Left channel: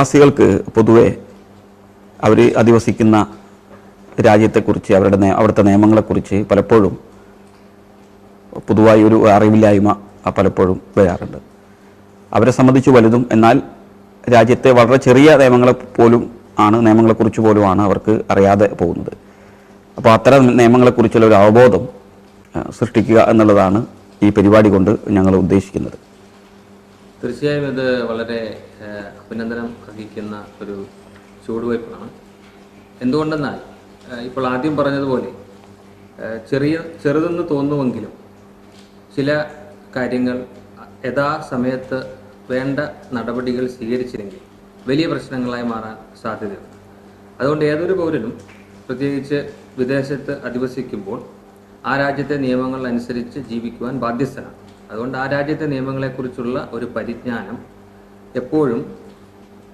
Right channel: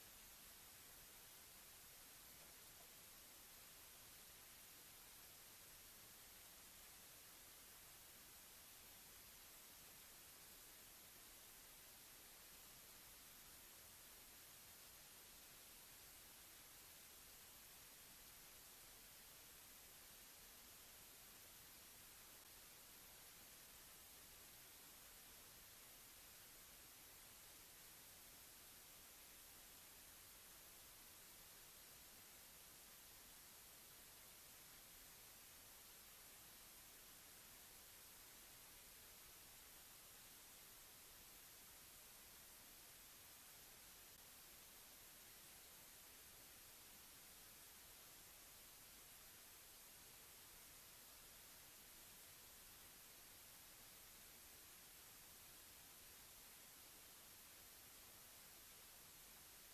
പ്രവാസികൾക്ക് പൊതുവെ അവർ അധിവസിക്കുന്ന രാജ്യത്തെക്കുറിച്ച് അവിടുത്തെ നിയമങ്ങളെക്കുറിച്ച് പലപ്പോഴും പൊതുവായി ഒരു അറിവില്ലായ്മ പലപ്പോഴും വരാറുണ്ട്. അവരെ സംബന്ധിച്ച് വലുതും എന്നാൽ രാജ്യത്തെ വളരെ ചെറിയ നിയമങ്ങളെക്കുറിച്ച് പോലുമാണ് അവർക്ക് അറിയാതെ പോകുന്നത്. അപ്പോൾ അത്തരം നിയമങ്ങളെക്കുറിച്ചുള്ള ഒരു അവബോധം സൃഷ്ടിക്കുക എന്നുള്ളതാണ് ഈ പരിപാടി കൊണ്ട് ഞങ്ങൾ ഉദ്ദേശിക്കുന്നത്. തീർച്ചയായും ഇത് വളരെ അഭിനന്ദനം അർഹിക്കുന്ന ഒരു ചുവടുവയ്പ്പാണ്. എന്തുകൊണ്ടെന്നാൽ ഇപ്പോൾ ആദ്യം പറഞ്ഞതുപോലെ ചെറുതെന്ന് തോന്നുമെങ്കിലും ചില കാര്യങ്ങൾ യഥാസമയത്ത് വേണ്ട നടപടികൾ സ്വീകരിച്ചില്ലെങ്കിൽ വലിയ പ്രശ്നങ്ങളായി മാറാൻ സാധ്യതയുണ്ട്. അതുകൊണ്ട് ഏതൊരു പൗരനും പ്രത്യേകിച്ച് വിദേശത്ത് അധിവസിക്കുമ്പോൾ ആ രാജ്യത്തെ നിയമങ്ങൾ അനുസരിച്ച് ജീവിക്കുവാൻ ബാധ്യസ്ഥനാണ്. അതുകൊണ്ട് ആ രാജ്യത്തെ നിയമങ്ങളെക്കുറിച്ചുള്ള ഒരു പരിജ്ഞാനം എപ്പോഴും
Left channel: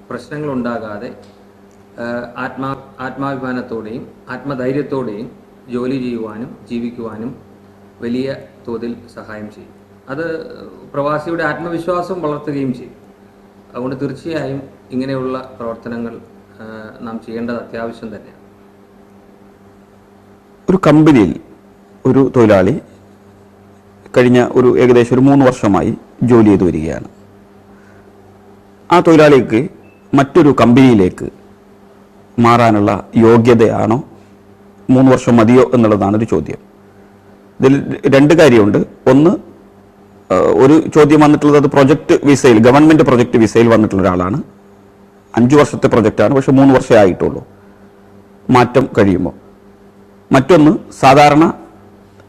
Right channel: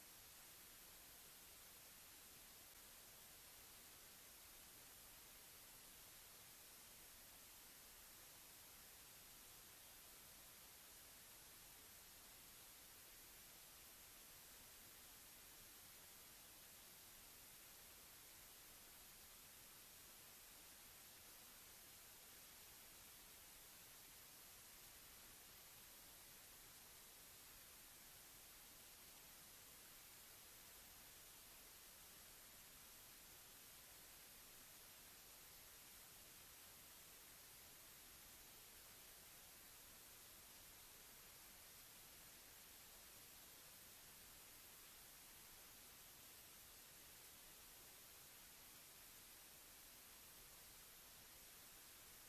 പ്രശ്നങ്ങളുണ്ടാകാതെ ആത്മാഭിമാനത്തോടെയും ആത്മധൈര്യത്തോടെയും ജോലി ചെയ്യുവാനും ജീവിക്കുവാനും വലിയ തോതിൽ സഹായം ചെയ്യും. അത് പ്രവാസിയുടെ ആത്മവിശ്വാസം വളർത്തുകയും ചെയ്യും. അതുകൊണ്ട് തീർച്ചയായും ഇങ്ങനെയുള്ള പ്രവർത്തനങ്ങൾ നാം ചെയ്യേണ്ടത് അത്യാവശ്യം തന്നെയാണ്. ഒരു കമ്പനിയിൽ ഒരു തൊഴിലാളി കഴിഞ്ഞ ഏകദേശം 3 വർഷമായി ജോലി ചെയ്തു വരികയാണ്. ആ തൊഴിലാളിക്ക് മറ്റൊരു കമ്പനിയിലേക്ക് മാറാനുള്ള യോഗ്യതയാണോ, 3 വർഷം മതിയോ എന്നുള്ളതാണ് ഒരു ചോദ്യം. ഇതിൽ 2 കാര്യമുണ്ട്. ഒന്ന്, ഒരു ചോദ്യം വന്നിട്ടുള്ളത് അത് പ്രൊജക്ട് വിസയിൽ, ഗവൺമെൻറ് പ്രൊജക്ട് വിസയിൽ വന്നിട്ടുള്ള ഒരാളാണ്. 5 വർഷത്തെ പ്രൊജക്റ്റാണ്, പക്ഷെ 3 വർഷമേ ആയിട്ടുള്ളൂ മാറ്റം കഴിയുമ്പോൾ. മറ്റൊന്ന്, സാധാരണ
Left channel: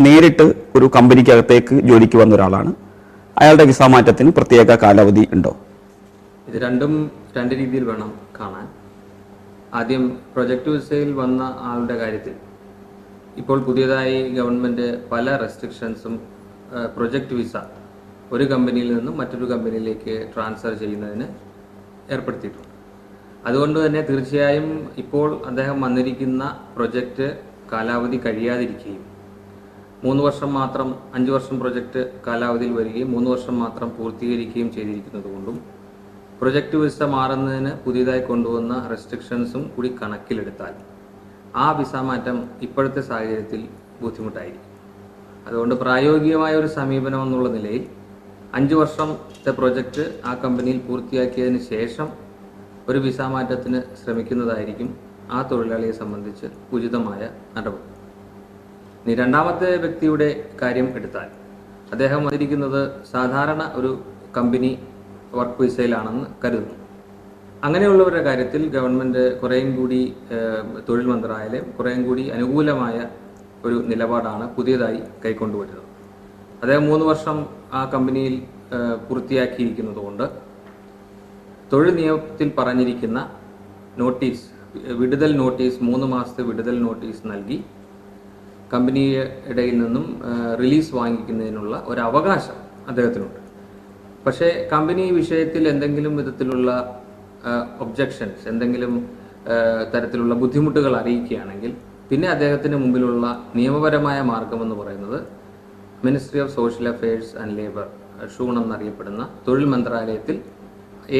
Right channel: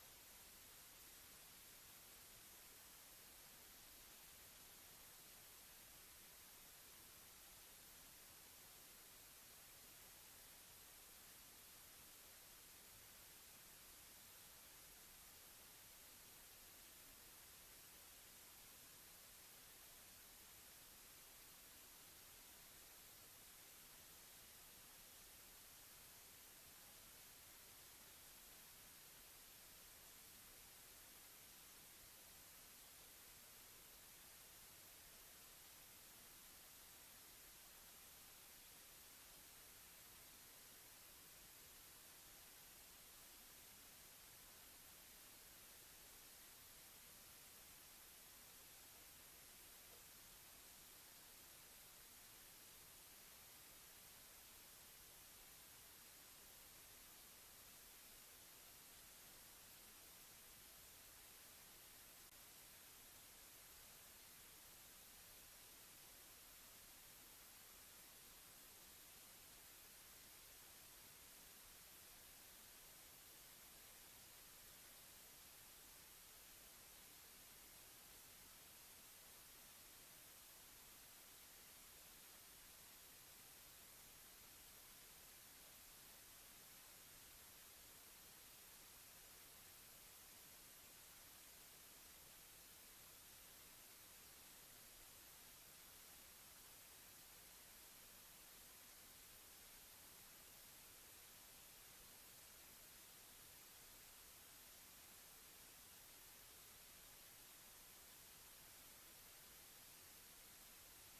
നേരിട്ട് ഒരു കമ്പനിക്കകത്തേക്ക് ജോലിക്ക് വന്ന ഒരാളാണ്. അയാളുടെ വിസ മാറ്റത്തിന് പ്രത്യേക കാലാവധി ഉണ്ടോ? ഇത് രണ്ടും 2 രീതിയിൽ വേണം കാണാൻ. ആദ്യം പ്രൊജക്ട് വിസയിൽ വന്ന ആളുടെ കാര്യത്തിൽ ഇപ്പോൾ പുതിയതായി ഗവൺമെൻറ് പല റെസ്ട്രിക്ഷൻസും പ്രൊജക്ട് വിസ ഒരു കമ്പനിയിൽ നിന്നും മറ്റൊരു കമ്പനിയിലേക്ക് ട്രാൻസ്ഫർ ചെയ്യുന്നതിന് ഏർപ്പെടുത്തിയിട്ടുണ്ട്. അതുകൊണ്ട് തന്നെ തീർച്ചയായും ഇപ്പോൾ അദ്ദേഹം വന്നിരിക്കുന്ന പ്രൊജക്റ്റ് കാലാവധി കഴിയാതിരിക്കുകയും 3 വർഷം മാത്രം, 5 വർഷം പ്രൊജക്റ്റ് കാലാവധിയിൽ വരികയും 3 വർഷം മാത്രം പൂർത്തീകരിക്കുകയും ചെയ്തിരിക്കുന്നത് കൊണ്ടും പ്രൊജക്റ്റ് വിസ മാറുന്നതിന് പുതിയതായി കൊണ്ടുവന്ന റെസ്ട്രിക്ഷൻസും കൂടി കണക്കിലെടുത്താൽ ആ വിസ മാറ്റം ഇപ്പോഴത്തെ സാഹചര്യത്തിൽ ബുദ്ധിമുട്ടായിരിക്കും. അതുകൊണ്ട് പ്രായോഗികമായ ഒരു സമീപനം എന്നുള്ള നിലയിൽ 5 വർഷത്തെ പ്രൊജക്റ്റ് ആ കമ്പനിയിൽ പൂർത്തിയാക്കിയതിന് ശേഷം ഒരു വിസ മാറ്റത്തിന് ശ്രമിക്കുന്നതായിരിക്കും ആ തൊഴിലാളിയെ സംബന്ധിച്ച് ഉചിതമായ നടപടി. ഇനി രണ്ടാമത്തെ വ്യക്തിയുടെ കാര്യം എടുത്താൽ അദ്ദേഹം വന്നിരിക്കുന്നത് സാധാരണ ഒരു കമ്പനി വർക്ക് വിസയിലാണെന്ന് കരുതുന്നു. അങ്ങനെയുള്ളവരുടെ കാര്യത്തിൽ ഗവൺമെൻറ് കുറേയും കൂടി തൊഴിൽ മന്ത്രാലയം കുറേയും കൂടി അനുകൂലമായ ഒരു നിലപാടാണ് പുതിയതായി കൈക്കൊണ്ടുവരുന്നത്. അദ്ദേഹം 3 വർഷം ആ കമ്പനിയിൽ പൂർത്തിയാക്കിയിരിക്കുന്നതുകൊണ്ട് തൊഴിൽ നിയമത്തിൽ പറഞ്ഞിരിക്കുന്ന നോട്ടീസ്, വിടുതൽ നോട്ടീസ്, 3 മാസത്തെ വിടുതൽ നോട്ടീസ് നൽകി കമ്പനിയുടെ നിന്നും റിലീസ് വാങ്ങിക്കുന്നതിനുള്ള ഒരു അവകാശം അദ്ദേഹത്തിനുണ്ട്. പക്ഷേ കമ്പനി വിഷയത്തിൽ എന്തെങ്കിലും വിധത്തിലുള്ള ഒബ്ജക്ഷൻസ്, എന്തെങ്കിലും തരത്തിലുള്ള ബുദ്ധിമുട്ടുകൾ അറിയിക്കുകയാണെങ്കിൽ പിന്നെ അദ്ദേഹത്തിന് മുമ്പിലുള്ള നിയമപരമായ മാർഗമെന്ന് പറയുന്നത് ministry of social affairs and labour, ഷൂൺ എന്നറിയപ്പെടുന്ന തൊഴിൽ മന്ത്രാലയത്തിൽ,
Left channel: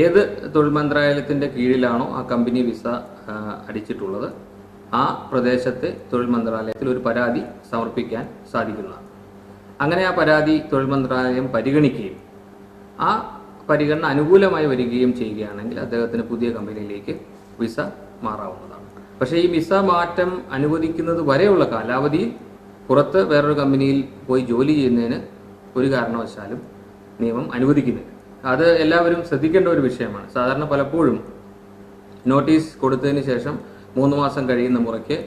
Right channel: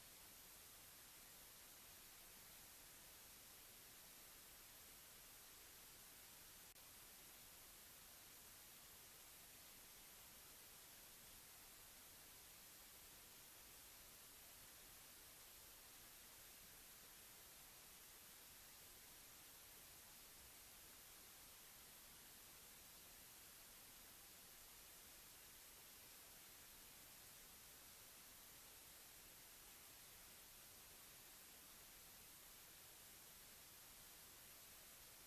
ഏത് തൊഴിൽ മന്ത്രാലയത്തിൻ്റെ കീഴിലാണോ ആ കമ്പനി വിസ അടിച്ചിട്ടുള്ളത് ആ പ്രദേശത്തെ തൊഴിൽ മന്ത്രാലയത്തിൽ ഒരു പരാതി സമർപ്പിക്കാൻ സാധിക്കുന്നതാണ്. അങ്ങനെ ആ പരാതി തൊഴിൽ മന്ത്രാലയം പരിഗണിക്കുകയും ആ പരിഗണന അനുകൂലമായി വരികയും ചെയ്യുകയാണെങ്കിൽ അദ്ദേഹത്തിന് പുതിയ കമ്പനിയിലേക്ക് വിസ മാറാവുന്നതാണ്. പക്ഷേ ഈ വിസ മാറ്റം അനുവദിക്കുന്നത് വരെയുള്ള കാലാവധി പുറത്ത് വേറൊരു കമ്പനിയിൽ പോയി ജോലി ചെയ്യുന്നതിന് ഒരു കാരണവശാലും നിയമം അനുവദിക്കുന്നില്ല. അത് എല്ലാവരും ശ്രദ്ധിക്കേണ്ട ഒരു വിഷയമാണ്. സാധാരണ പലപ്പോഴും നോട്ടീസ് കൊടുത്തതിന് ശേഷം 3 മാസം കഴിയുന്ന മുറയ്ക്ക്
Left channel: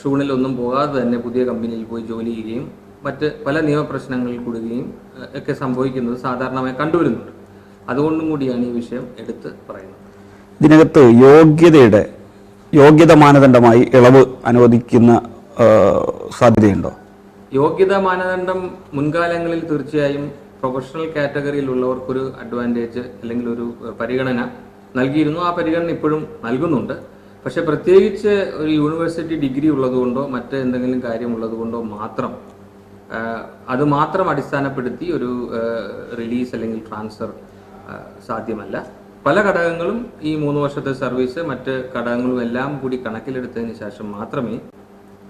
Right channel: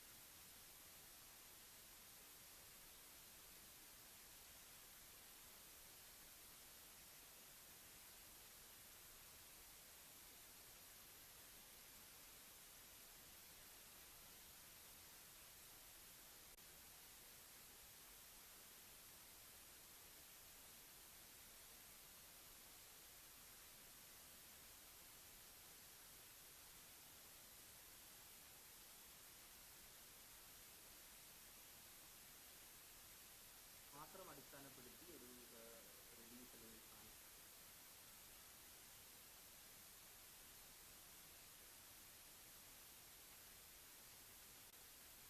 ഷൂണിലൊന്നും പോകാതെ തന്നെ പുതിയ കമ്പനിയിൽ പോയി ജോലി ചെയ്യുകയും മറ്റ് പല നിയമപ്രശ്നങ്ങളിൽ കൂടുകയും ഒക്കെ സംഭവിക്കുന്നത് സാധാരണമായി കണ്ടുവരുന്നുണ്ട്. അതുകൊണ്ടും കൂടിയാണ് ഈ വിഷയം എടുത്ത് പറയുന്നത്. ഇതിനകത്ത് യോഗ്യത മാനദണ്ഡമായി ഇളവ് അനുവദിക്കുന്ന സാധ്യതയുണ്ടോ? യോഗ്യതാ മാനദണ്ഡം മുൻകാലങ്ങളിൽ തീർച്ചയായും പ്രൊഫഷണൽ കാറ്റഗറിയിലുള്ളവർക്കൊരു അഡ്വാൻറ്റേജ് അല്ലെങ്കിൽ ഒരു പരിഗണന നൽകിയിരുന്നു. ആ പരിഗണന ഇപ്പോഴും നൽകുന്നുണ്ട്. പക്ഷെ പ്രത്യേകിച്ച് ഒരു യൂണിവേഴ്സിറ്റി ഡിഗ്രി ഉള്ളതുകൊണ്ടോ മറ്റ് എന്തെങ്കിലും കാര്യമുള്ളതുകൊണ്ടോ മാത്രം അത് മാത്രം അടിസ്ഥാനപ്പെടുത്തി ഒരു റിലീസ് അല്ലെങ്കിൽ ട്രാൻസ്ഫർ സാധ്യമല്ല. പല ഘടകങ്ങളും ഈ 3 വർഷത്തെ സർവീസ് മറ്റ് ഘടകങ്ങളും എല്ലാം കൂടി കണക്കിലെടുത്തതിന് ശേഷം മാത്രമേ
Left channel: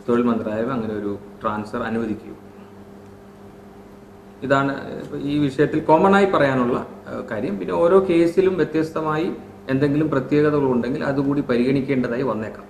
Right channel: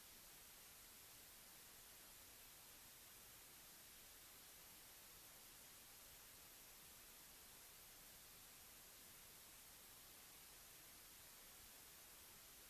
തൊഴിൽ മന്ത്രാലയം അങ്ങനെ ഒരു ട്രാൻസ്ഫർ അനുവദിക്കൂ. ഇതാണ് ഈ വിഷയത്തിൽ കോമൺ ആയി പറയാനുള്ള കാര്യം. പിന്നെ ഓരോ കേസിലും വ്യത്യസ്തമായി എന്തെങ്കിലും പ്രത്യേകതകളുണ്ടെങ്കിൽ അതുകൂടി പരിഗണിക്കേണ്ടതായി വന്നേക്കാം.